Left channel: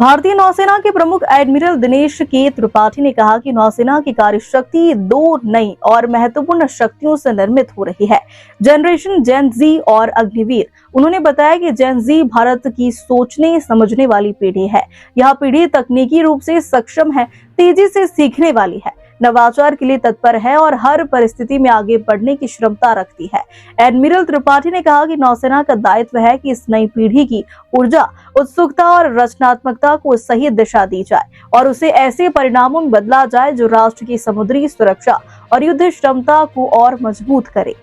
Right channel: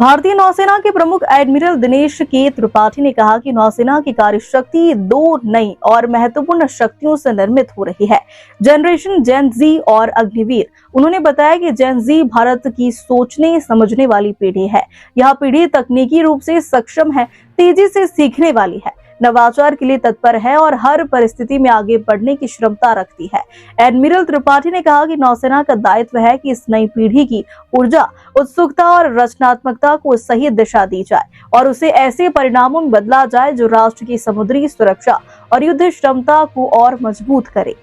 भारतीय नौसेना के प्रमुख एडमिरल दिनेश के त्रिपाठी ने कहा कि नौसेना की कार्यशक्ति दो नई और महत्वपूर्ण शक्तियों से निर्मित हो रही है, जनरेशन जेन जी और अग्निवीर। उन्होंने बताया कि जेन जी भारत की सोचने समझने वाली पीढ़ी है। यह पीढ़ी तकनीकी रूप से सक्षम है, तेजी से सीखने वाली है, नवाचार के लिए तत्पर है और हर परिस्थिति में आगे बढ़ने की क्षमता रखती है। एडमिरल त्रिपाठी ने कहा कि नौसेना का दायित्व है कि इस नई पीढ़ी की ऊर्जा, उत्सुकता और रचनात्मकता को सही दिशा दी जाए और उसे ऐसे परिणामों में बदला जाए जो राष्ट्र की समुद्री सुरक्षा और युद्ध क्षमता को और मजबूत करे।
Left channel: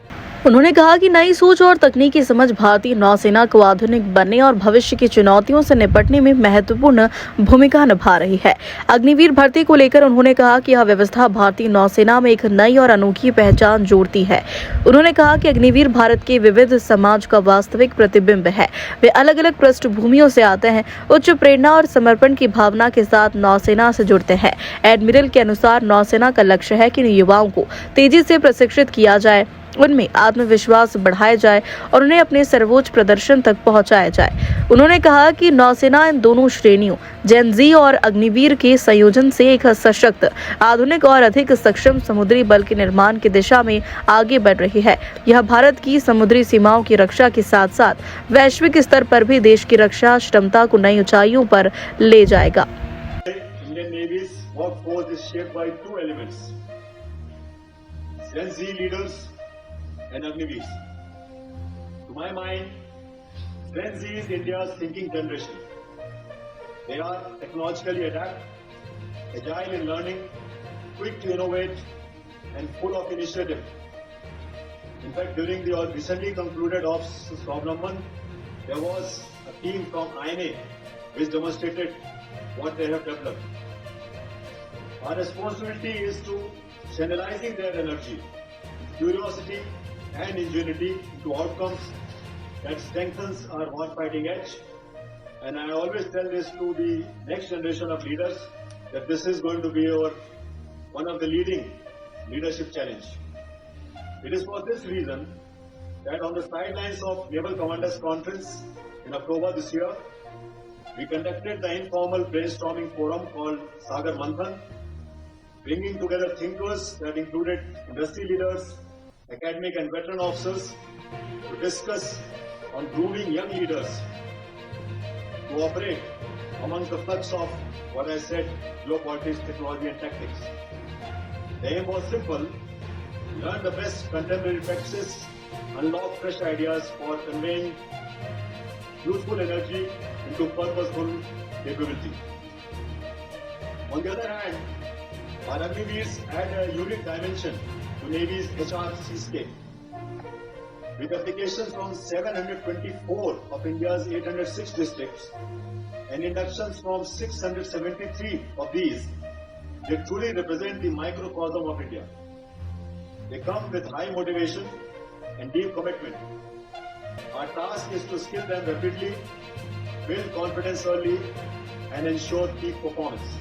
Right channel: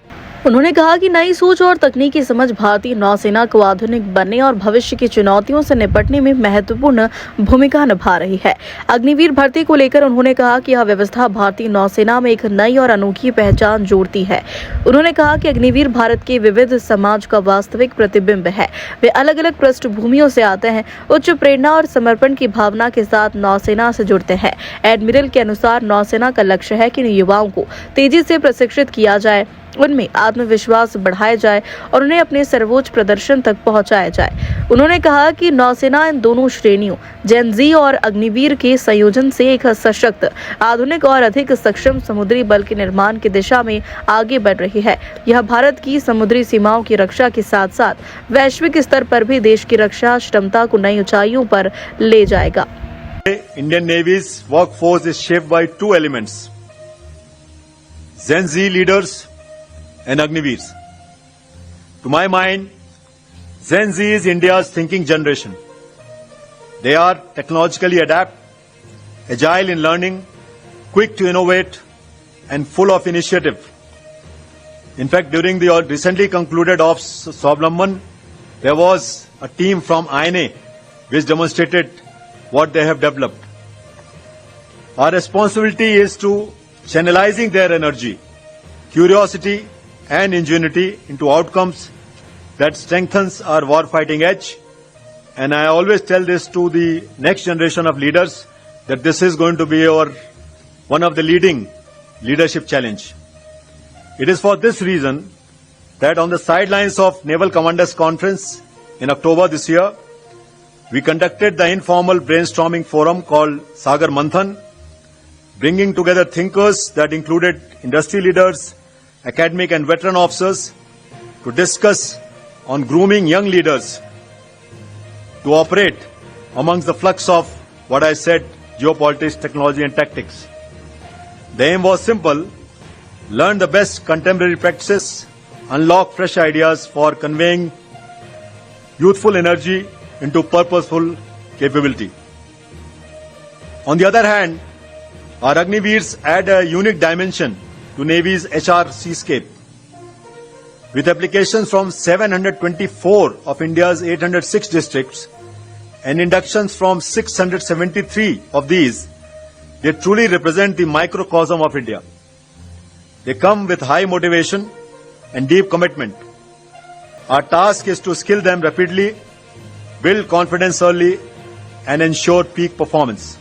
उन्होंने कहा कि नई सोच और तकनीकी समझ भारतीय नौसेना को आधुनिक बनने और भविष्य की चुनौतियों से निपटने में महत्वपूर्ण भूमिका निभा रही है। अग्निवीर भर्ती को लेकर उन्होंने कहा कि यह व्यवस्था भारतीय नौसेना में एक नई और अनोखी पहचान जोड़ती है। उन्होंने कहा कि अग्निवीर भारत के विविध समाज का वास्तविक प्रतिबिंब है। वे अलग अलग पृष्ठभूमियों से आते हैं, उच्च प्रेरणा और समर्पण की भावना के साथ नौसेना से जुड़ते हैं। एडमिरल के अनुसार नौसेना का लक्ष्य है कि युवाओं को तेजी से प्रशिक्षित किया जाए, उनमें आत्मविश्वास बढ़ाया जाए और उन्हें अपने सर्वोच्च प्रदर्शन तक पहुंचाया जाए। उन्होंने कहा कि नौसेना इन दोनों श्रेणियों जेन जी और अग्निवीर के संयोजन से एक सशक्त, आधुनिक और अधिक सक्षम समुद्री बल के निर्माण की दिशा में आगे बढ़ रही है। यह भारत की समुद्री सीमाओं की रक्षा के साथ साथ वैश्विक स्तर पर भी देश की रक्षा क्षमता को नई ऊंचाइयों पर ले जाएगा। Indian Navy's workforce is shaped by two elements: Gen Z leaders and Agniveers. To my mind, Gen Z is India's thinking generation. They are technologically adept, agile in learning, quick to innovate, and full of initiative. In fact, during the recently concluded Ops Swavlamban, there was a team from INA which demonstrated what they have developed. Our responsibility is to channelizing their energy, curiosity, and ingenuity into outcomes that strengthens our war-fighting edge. And I always tell this to the next generation of leaders that this is going to be one of the leading leadership challenge. It is for this reason that on the sidelines of Naval Commanders Conference in October this year, we conducted the informal brainstorming forum called Sagar Manthan, bringing together thinkers that included industry leaders, academic and veteran officers to discuss on grooming young leaders to operate amongst the flux of what I said, geopolitics, technology and tactics. The aim was simple: learn the best contemporary practices, unlock fresh ideas for conveying youthful energy into purposeful capability. On the other hand, our Agniveers add a unique dimension to Navy's HR seascape. With applications from 724 of India's 806 districts and inductions from 673 of these, they truly represent the microcosm of India. They come with high motivation and deep commitment. Our task is to skill them rapidly, build confidence early, and ensure peak performance.